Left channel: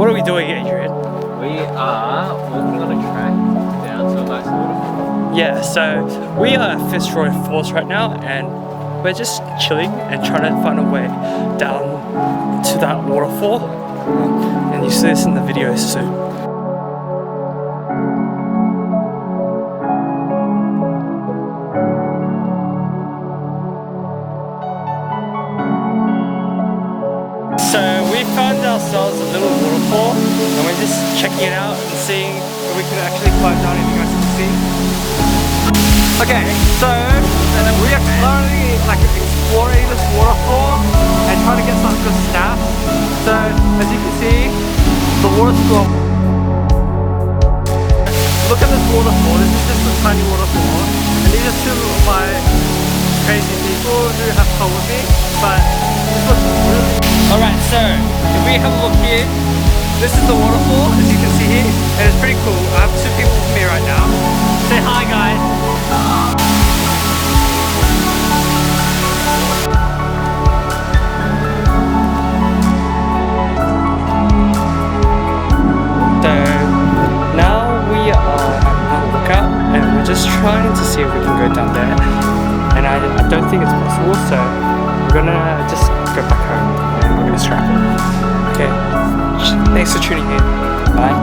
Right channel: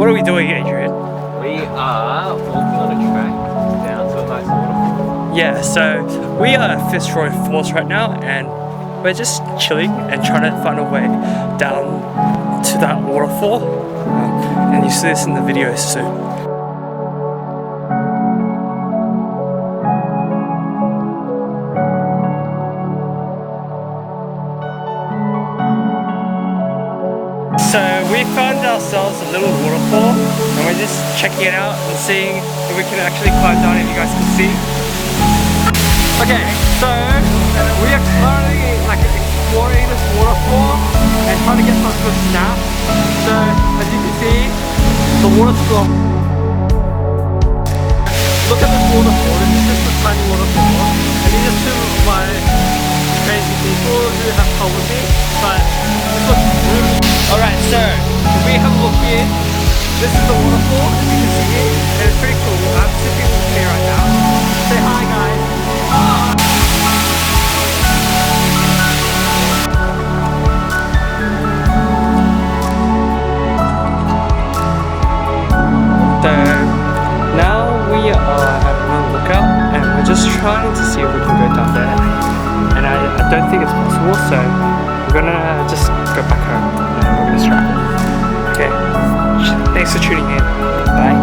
What are we doing, Adrian? We are walking on a track down to a nice waterfall. Yeah, so we are at Fitzroy Falls right now, and we're just chilling and trying to find a way down to that waterfall. And you see this in the video soon. So we found ourselves a little waterfall, and we're just checking it out and seeing if we can actually climb down, if you guys can see. Okay, so we are currently exploring this waterfall and trying to get some good snaps. So as you can see, the water's strong. Look at this waterfall. This is just a tiny waterfall, and these are two of my crazy people who have come with me, but this looks really... Alright, so if we have a look here, this is the waterfall, as you can see, and it's pretty cool. I have two people with me right now. Say hi, guys. So now we are at another lookout, and we're just trying to see if we can go down there. And I don't think it's possible, so we're gonna just go back home and we're gonna scrap it. Okay, thanks for tuning in. Bye.